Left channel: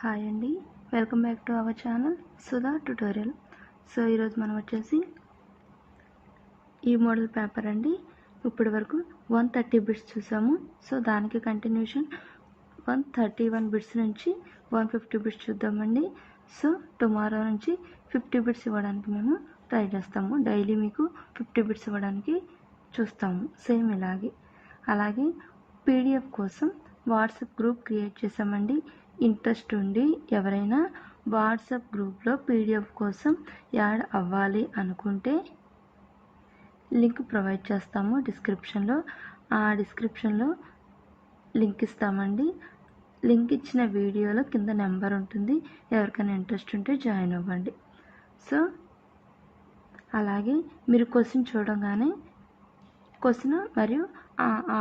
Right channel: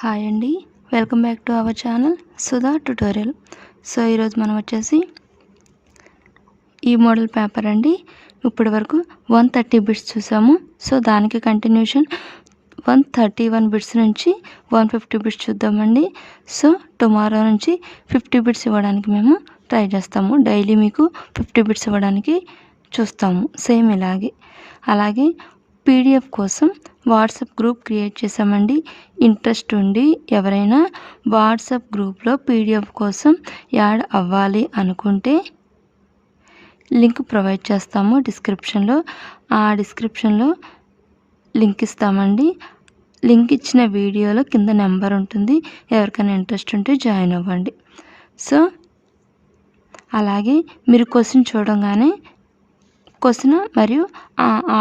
Hi అండి, welcome back to our channel Sudha tutorial. So ఈరోజు మనం వచ్చేసి ఈ మోడల్ పేపర్ అండి. ఇప్పటి వరకు 130 బిట్స్ చూసాము. సో దానికి కంటిన్యూషన్ 131 బిట్స్ నుంచి 150 బిట్స్ చూద్దామండి. సో టుమారో నుంచి 50 బిట్స్ ఇవ్వడానికి మేము ట్రై చేస్తాము. డైలీ మీకు 50 బిట్స్ ఇవ్వడానికి చూస్తాము. సేమ్ అలాగే PDF కోసం వాట్సాప్ గ్రూప్ క్రియేట్ చేసామండి. ఇంట్రెస్ట్ ఉండి ఎవరైనా వాట్సాప్ గ్రూప్లో PDF కోసం యాడ్ అవ్వాలి అనుకుంటే లింక్ ప్రొవైడ్ చేస్తాము డిస్క్రిప్షన్లో. ఆ డిస్క్రిప్షన్లో లింక్ ఇస్తామండి. లింక్ ఇచ్చిన వీడియోలో కింద నెంబర్ ఉంటుంది. ఎవరికైనా ఇంట్రెస్ట్ ఉంటే జాయిన్ అవ్వండి. సో అలాగే మీరు క్వశ్చన్ చూడగానే క్వశ్చన్ మరియు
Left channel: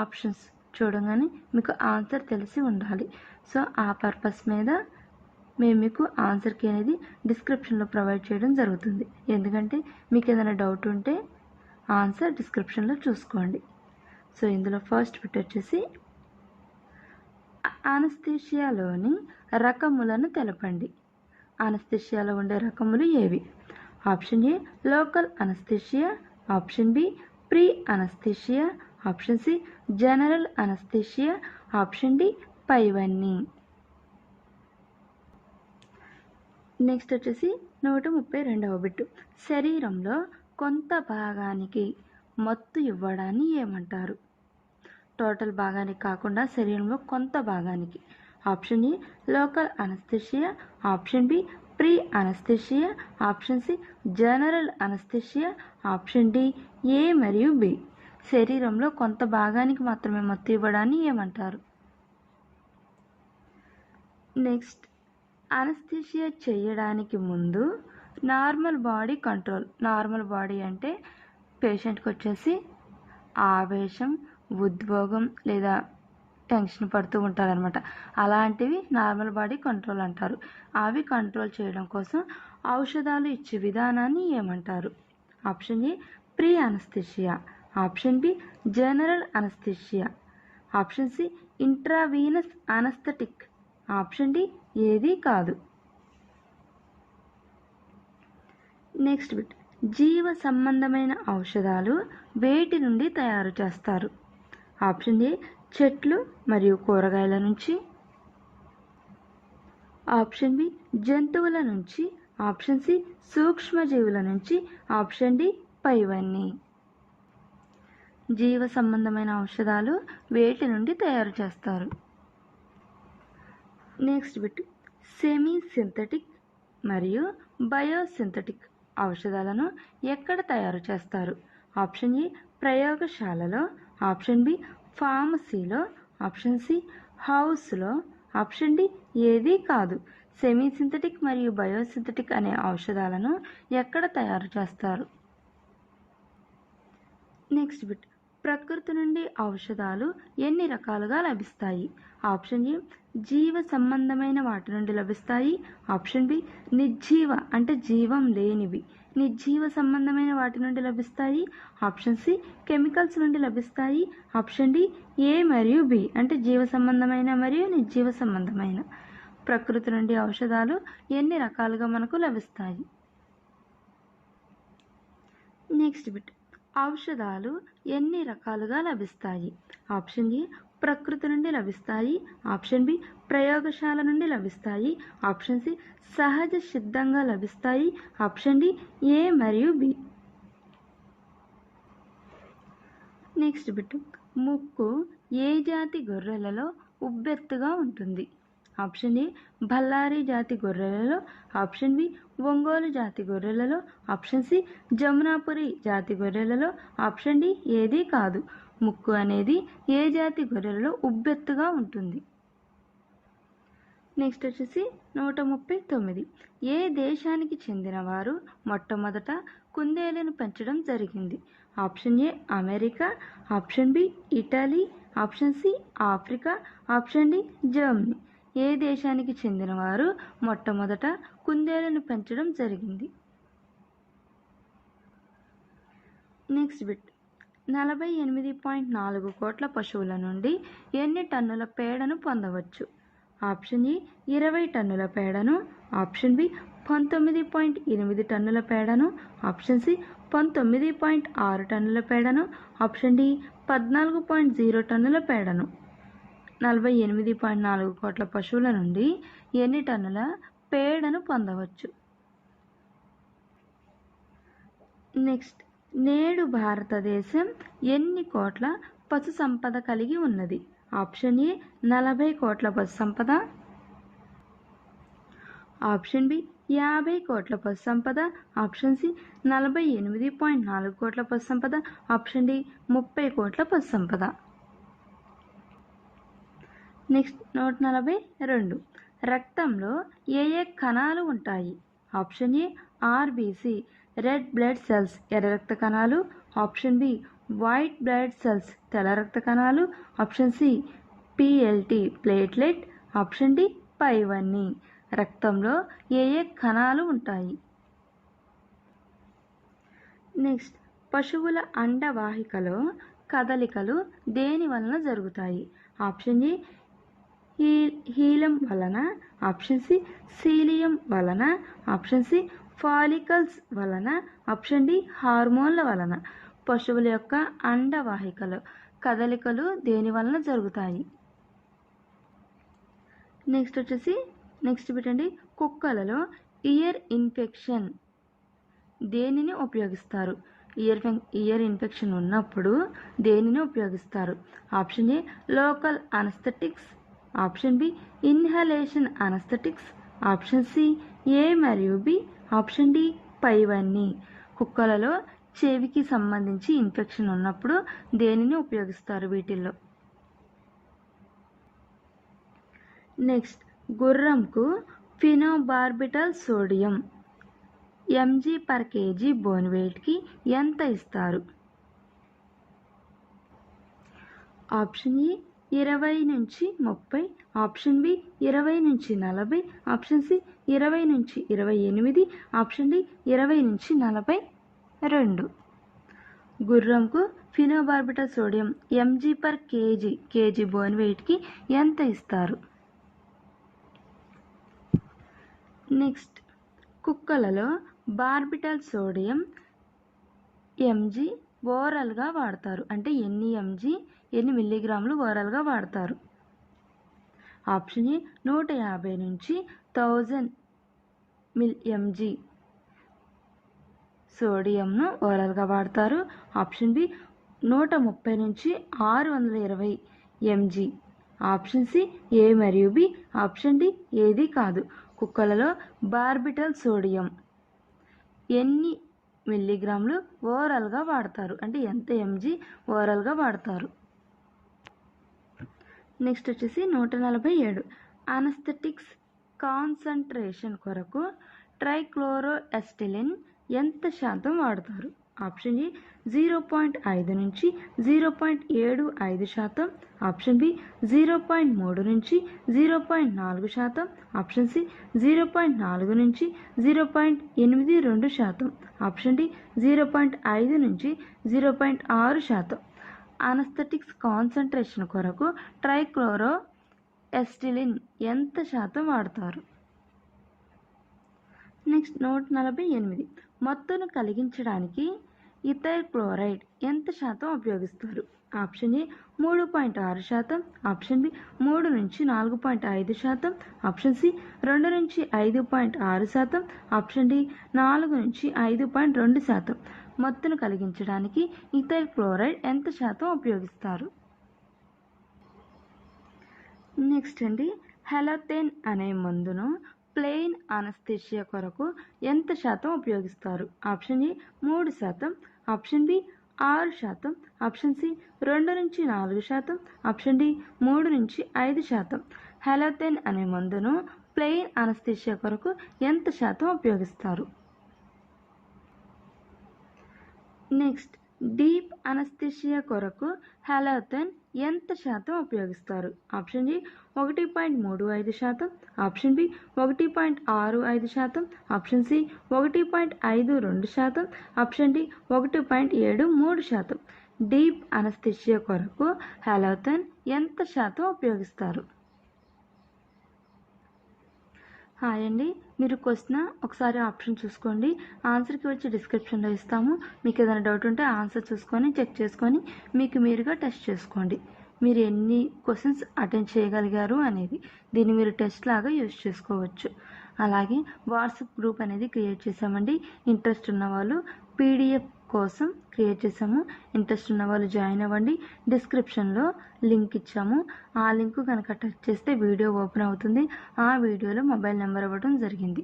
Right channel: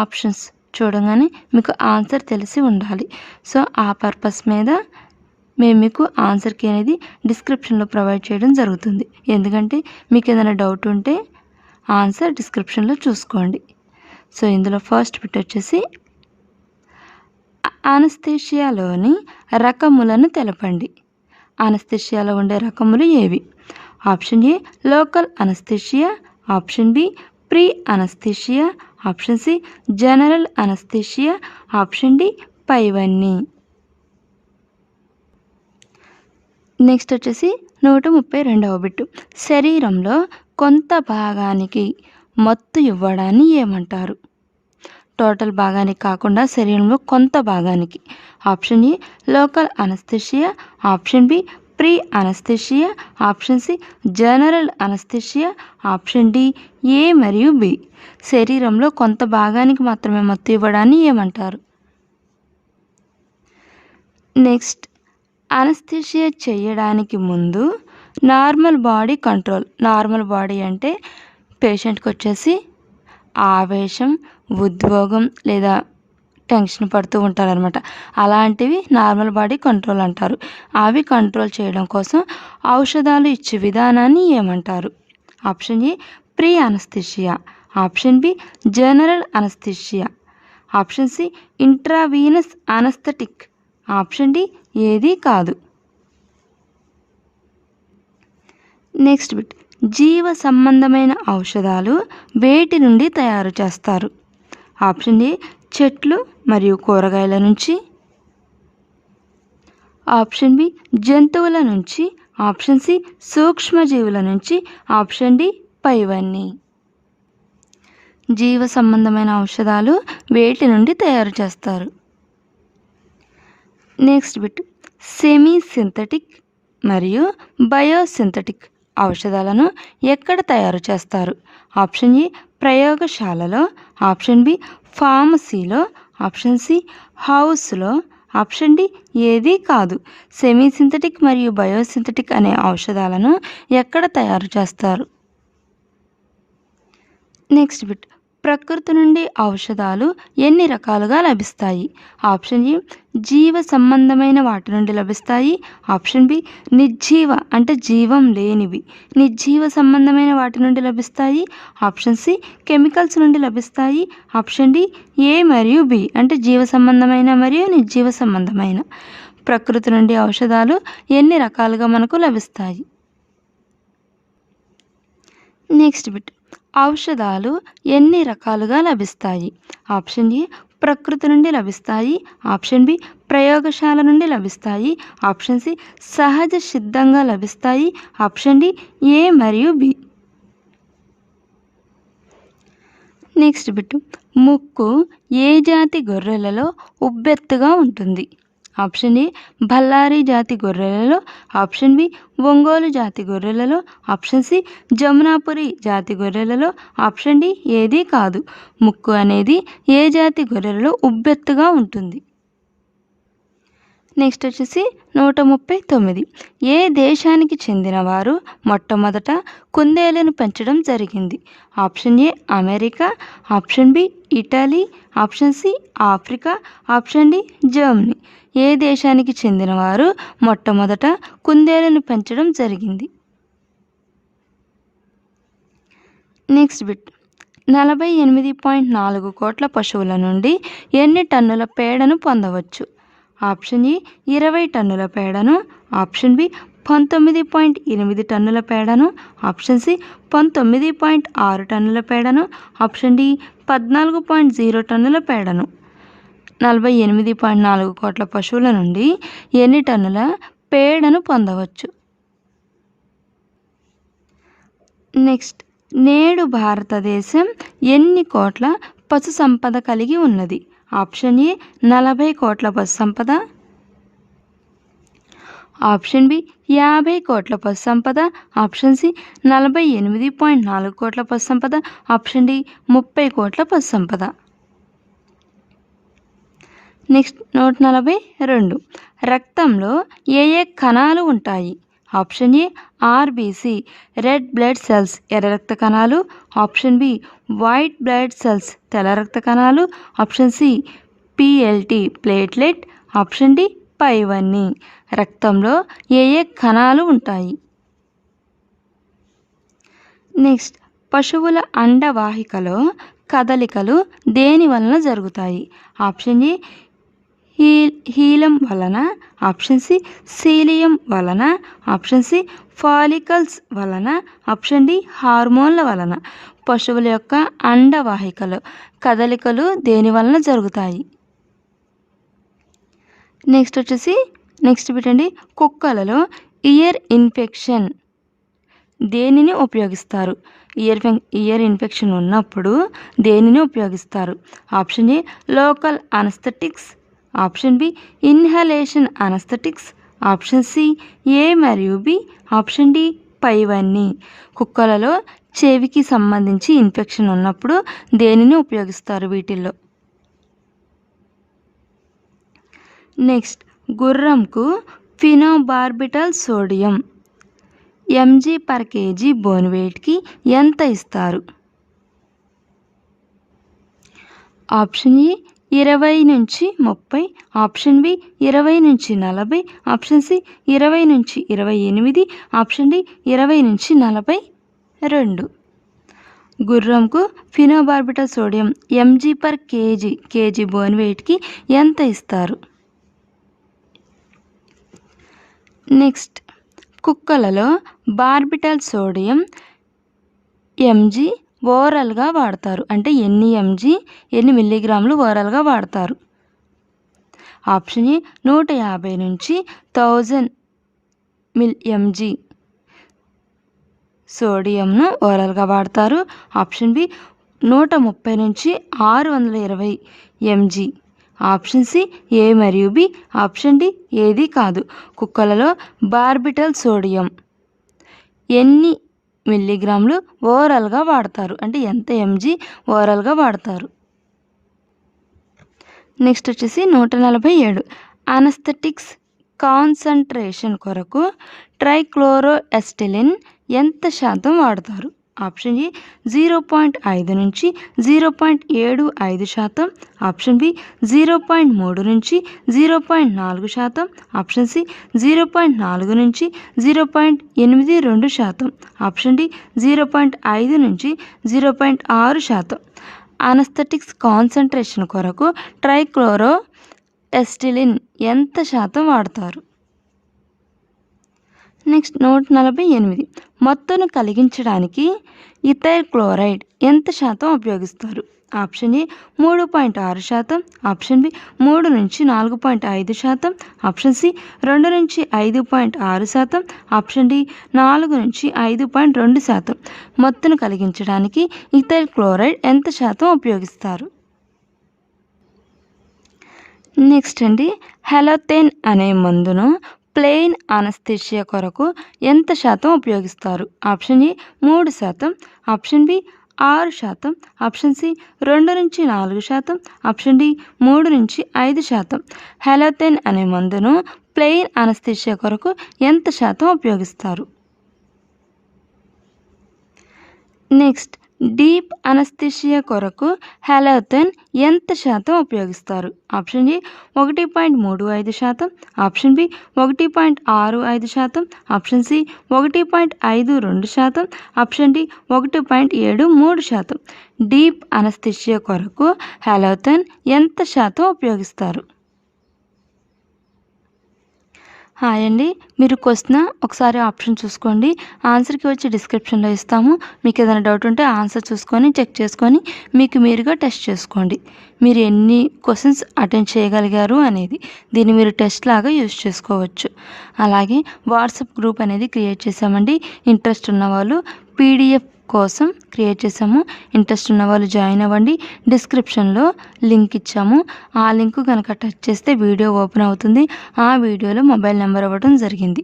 ఆప్షన్స్ చూడగానే మీకు ఆన్సర్ తెలిసి ఉండాలి. సో ఆ పర్పస్ మీద మేము మీకు ఆన్సర్ కీ అనేది డిస్క్రిప్షన్లో ప్రొవైడ్ చేయడం జరుగుతుంది. ఎందుకంటే మీకు ఏదైనా డౌట్ ఉంటే ఆన్సర్ డిస్క్రిప్షన్లో చూసుకోండి. సో ఇందులో ఫస్ట్ బిట్ వచ్చేసి అనస్థీషియాలోని రకములను తెలపండి. అనస్థీషియాలో ఉండే రకములు ఏవి? Option A local anaesthesia, option B pre anaesthesia, option C general anaesthesia, option D పైవన్నీ. నెక్స్ట్ వచ్చేసి 132వ బిట్టు. శరీరంలో కొంత భాగానికి మత్తు ఇవ్వడాన్ని ఏమంటారు? టోటల్ భాగానికి కాకుండా శరీరంలో కొంత భాగానికి. Option A local anaesthesia, option B pre anaesthesia, option C general anaesthesia, option D A మరియు బి. శరీరంలో కొంత భాగానికి మాత్రమే మత్తు ఇవ్వడాన్ని ఏమంటారు? నెక్స్ట్, అనస్థీషియా చేయడానికి ముందు normal body control. Normal body అంటే పేషెంట్కి వచ్చేసి ఆవేశం, ఉద్వేగం లేదా టెన్షన్ పడుతూ ఉంటారనమాట. అలాంటివి నార్మల్ బాడీ కంట్రోల్ అంటారు. అవి కంట్రోల్ చేయడం కోసం ఔషధాలు ఇచ్చే విధానాన్ని ఏమంటారు? Option A pre anaesthesia, option B general anaesthesia, option C intravenous anaesthetic, option D ఏది కాదు. Next bit. జీవ సంబంధమైన ఔషధాలు వేటి నుండి తయారు చేస్తారు? ఆప్షన్ ఏ చెట్లు మరియు కూరగాయల నుంచి, ఆప్షన్ బి జంతువుల నుంచి, ఆప్షన్ సి సూక్ష్మజీవుల నుంచి, ఆప్షన్ డి పైవన్నీ. జీవ సంబంధమైన ఔషధాలు వేటి నుండి తయారు చేస్తారు? Next bit. సెమీ సింథటిక్ మరియు బయోసింథటిక్ ఔషధాలను ఎక్కడ తయారు చేస్తారు? ఆప్షన్ ఏ ప్రయోగశాలలో, ఆప్షన్ బి ఫార్మసీలో, ఆప్షన్ సి హౌస్లో, ఆప్షన్ డి ఏది కాదు. సెమీ సింథటిక్ మరియు బయోసింథటిక్ అనే ఔషధాలను ఎక్కడ తయారు చేస్తారు? Next bit. ప్రకృతి నుండి ఔషధాలు ఎన్ని రకాలుగా లభిస్తాయి? ఆప్షన్ ఏ జీవ సంబంధమైన వాటి నుండి లభిస్తాయి, ఆప్షన్ బి నిర్జీవ అంటే జీవం లేనివి నిర్జీవ సంబంధమైన వాటి నుండి లభిస్తాయి, ఆప్షన్ సి కెమికల్స్ నుండి లభిస్తాయి, ఆప్షన్ డి ఏ మరియు బి అంటే జీవ సంబంధమైన మరియు నిర్జీవ సంబంధమైన. ప్రకృతి నుండి ఔషధాలు ఎన్ని రకాలుగా మనకు లభిస్తాయి? Next bit. ఔషధాలు ఎన్ని రకాలుగా లభిస్తాయి? ఆప్షన్ ఏ ప్రకృతి నుండి లభిస్తాయి, ఆప్షన్ బి ప్రయోగశాల నుండి లభిస్తాయి, ఆప్షన్ సి సహజ సిద్ధంగా లభిస్తాయి, ఆప్షన్ డి ఏ మరియు బి. Next bit. ముక్కు ఏ జాతి గొర్రెలలో ఉబ్బెత్తుగా ఉంటుంది? ఆప్షన్ ఏ బల్లారి జాతి గొర్రెలలో, ఆప్షన్ బి ఒంగోలు జాతి గొర్రెలలో, ఆప్షన్ సి జమునాపురి జాతి గొర్రెలలో, ఆప్షన్ డి ఏది కాదు. ముక్కు అనేది ఏ జాతి గొర్రెలలో ఉబ్బెత్తుగా ఉంటుంది? నెక్స్ట్ వచ్చేసి 139. ఏ దేశానికి చెందిన వారు మొట్టమొదట కుందేలును పెంచడం జరిగింది? Option A America, option B Italy, option C Africa, option D Germany. ఏ దేశానికి చెందిన వారు మొట్టమొదట కుందేలును పెంచడం జరిగింది? Next bit. 48.4 కోట్ల పశువుల నుండి ఎన్ని టన్నుల పేడను పొందవచ్చు? ఆప్షన్ ఏ 20 టన్నుల పేడను, ఆప్షన్ బి 19.8 టన్నుల పేడను, ఆప్షన్ సి 19.6 టన్నుల పేడను, ఆప్షన్ డి 14.0 టన్నుల పేడను. 48.4 కోట్ల పశువుల నుండి ఎన్ని టన్నుల పేడను పొందవచ్చు? నెక్స్ట్, నేడు భారతదేశం ఎన్ని కోట్ల పశు సంపద కలిగి ఉన్నది? ఆప్షన్ ఏ 40 కోట్ల పశు సంపద, ఆప్షన్ బి 50 కోట్ల పశు సంపద, ఆప్షన్ సి 48.4 కోట్ల పశు సంపద, ఆప్షన్ డి 30 కోట్ల పశు సంపద. నెక్స్ట్ 142. రక్తంలో ఏ ఏ కణాలు ఉంటాయి? Option A RBC red blood cells ఎర్ర రక్త కణాలు, option B white blood cells తెల్ల రక్త కణాలు, option C PLT platelet, option D పైవన్నీ. రక్తంలో ఏ ఏ కణాలు ఉంటాయి? నెక్స్ట్, పశువుల అండవాహికలో కదలికలు దేని వలన జరుగుతాయి? ఆప్షన్ ఏ హీలం వలన, ఆప్షన్ సి సీలియం వలన, ఆప్షన్ సి ఫాలికల్స్ వలన, ఆప్షన్ డి హార్మోన్ల వలన. పశువుల యొక్క అండవాహికలో కదలికలు దేని వలన జరుగుతాయి? నెక్స్ట్ పెట్టండి, కుక్కలలో ఇయర్ ఇన్ఫెక్షన్ దేనిని ఉపయోగిస్తారు? ఇయర్ ఇన్ఫెక్షన్ ఉన్నప్పుడు దేనిని ఉపయోగిస్తారు? Option A local anaesthetics, option B inhalation anaesthetics, option C A మరియు బి, ఆప్షన్ డి పైవన్నీ. కుక్కలలో చెవికి సంబంధించి ఇన్ఫెక్షన్ ఉన్నప్పుడు దేనిని ఉపయోగిస్తారు వీటిల్లో? నెక్స్ట్, గుర్రంకు ఫినోబార్బిటల్ సోడియం mg/kg బోన్ వెయిట్కి ఎంత ఇస్తారు? ఆప్షన్ ఏ 20 నుంచి 30, ఆప్షన్ బి 20 నుంచి 40, ఆప్షన్ సి 20 నుంచి 28, ఆప్షన్ డి 20 నుంచి 42. గుర్రంకు ఫినోబార్బిటల్ సోడియం mg/kg బోన్ వెయిట్కి ఎంత ఇస్తారు? నెక్స్ట్, కుక్కలలో బార్బిటల్ సోడియం mg ఓరల్గా వాడతారు అంటే ఎన్ని మిల్లీగ్రాములు ఓరల్గా వాడతారు? ఆప్షన్ ఏ 150 నుంచి 1000 mg సోడియంను ఓరల్గా వాడతారు, ఆప్షన్ బి 130 నుంచి 620 mg, ఆప్షన్ సి ఏ మరియు బి, ఆప్షన్ డి ఏది కాదు. కుక్కలలో బార్బిటల్ సోడియం ఎన్ని మిల్లీగ్రాములు ఓరల్గా వాడతారు అంటే ఎంత mg ఓరల్గా వాడతారు? నెక్స్ట్ 147. అనస్థెటిక్స్ కాన్సంట్రేషన్ కొరకు ట్రైక్లోరోఎస్టిలిన్ ఎంత శాతం వాడతారు? ఆప్షన్ ఏ 0.5 నుంచి 0.75 శాతం, ఆప్షన్ బి 0.3 నుంచి 0.4 శాతం, ఆప్షన్ సి 0.4 నుంచి 0.82 శాతం, ఆప్షన్ డి 0.5 నుంచి 0.6 శాతం. అనస్థెటిక్స్ కాన్సంట్రేషన్ కొరకు ట్రైక్లోరోఎస్టిలిన్ ఎంత శాతం వాడతారు? నెక్స్ట్ 148. మత్తును కలిగించడానికి ఇథైల్ క్లోరైడ్ ఎంత శాతం ఉపయోగిస్తారు? ఆప్షన్ ఏ 3.6 శాతం, ఆప్షన్ బి 3 నుంచి 4.5 శాతం, ఆప్షన్ సి 2 నుంచి 5.6 శాతం, ఆప్షన్ డి 4 నుంచి 5.2 శాతం. మత్తును కలిగించడానికి ఇథైల్ క్లోరైడ్ ఎంత శాతం ఉపయోగిస్తారు? నెక్స్ట్ హెలోథేన్ అనే మందును ప్లెయిన్ అనస్థీషియా కొరకు ఎంత శాతం ఉపయోగిస్తారు? ఆప్షన్ ఏ 3 శాతం, ఆప్షన్ బి 6 శాతం, ఆప్షన్ సి 2 నుంచి 4 శాతం, ఆప్షన్ డి 3 నుంచి 5 శాతం. హెలోథేన్ అనే మందును ప్లెయిన్ అనస్థీషియా కొరకు ఎంత శాతం ఉపయోగిస్తారు? నెక్స్ట్, డీప్ అనస్థీషియా కొరకు హెలోథేన్ ఎంత శాతం ఉపయోగిస్తారు? ఆప్షన్ ఏ 1.35 శాతం, ఆప్షన్ బి 1.65 శాతం, ఆప్షన్ సి 1.52 శాతం, ఆప్షన్ డి 1.73 శాతం. డీప్ అనస్థీషియా కొరకు హెలోథేన్ ఎంత శాతం ఉపయోగిస్తారు? హాయ్ అండి. మీరు క్వశ్చన్ ఒకసారి ఆప్షన్ చూసుకోండి. ఆన్సర్కి వచ్చి డిస్క్రిప్షన్లో ఇస్తాము. మీకు ఏదైనా డౌట్ ఉంటే ఆన్సర్ చూసుకొని చెక్ చేసుకొని మీకు మీరుగా టెస్ట్ చేసుకోండి. మీరు ఎన్ని క్వశ్చన్స్ అటెండ్ చేయగలిగారు అనేది దీన్ని మీరు టెస్ట్ లాగా యూజ్ చేసుకోవచ్చు. అలాగే వాట్సాప్ గ్రూప్ అనేది క్రియేట్ చేసామండి. ఇంట్రెస్ట్ ఉన్నవాళ్ళు పీడిఎఫ్ కోసం క్రియేట్ చేసాము. ఇంట్రెస్ట్ ఉన్న వాళ్ళు జాయిన్ అవ్వండి. డిస్క్రిప్షన్లో లింక్ ఇచ్చాము. ఆ లింక్ కనుక టచ్ చేస్తే వీడియో ఓపెన్ అవుతుంది. ఆ వీడియోలో మొబైల్ నెంబర్ ఇవ్వడం జరిగింది.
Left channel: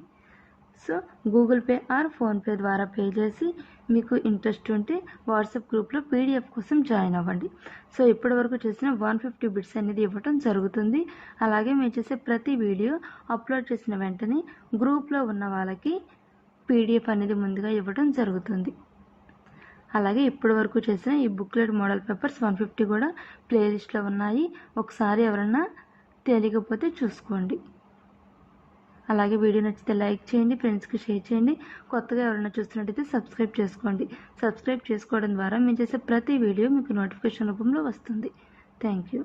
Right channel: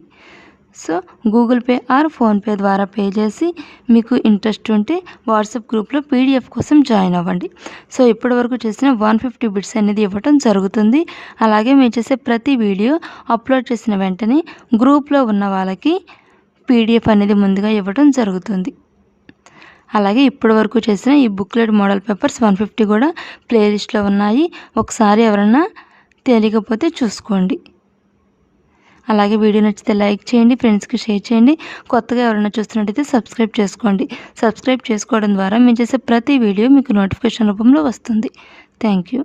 So Google pay are PhonePe ద్వారా పే చేసి మీకు ఇంట్రెస్ట్ ఉంటే వాట్సాప్ గ్రూప్లో పీడిఎఫ్ కోసం జాయిన్ అవ్వండి. సో ఇప్పటివరకు చేసిన 150 బిట్స్ అనేది ఇవ్వడం జరుగుతుంది. అలాగే మేము చేసే ప్రతి వీడియో అప్లోడ్ చేసిన వెంటనే గ్రూప్లో ఉన్న వాళ్ళకి పీడిఎఫ్ అనేది ముందుగా ఇవ్వడం జరుగుతుంది. అలాగే ఇప్పటి వరకు చేసిన ఈ బుక్లెట్ మోడల్ పేపర్స్ 150 కూడా ప్లేలిస్ట్లో ఉన్నాయి. ఒకసారి ఎవరన్నా తెలియకపోతే చూసుకోండి. అలాగే వీడియో నచ్చితే లైక్ చేయండి, ఫ్రెండ్స్కి షేర్ చేయండి. కొత్తగా ఎవరైనా చూస్తున్నట్టయితే సబ్స్క్రైబ్ చేసుకోండి. సబ్స్క్రైబ్ చేసుకోవడం ద్వారా మేము చేసే ప్రతి వీడియో మీకు నోటిఫికేషన్ రూపంలో వస్తుంది. Thank you.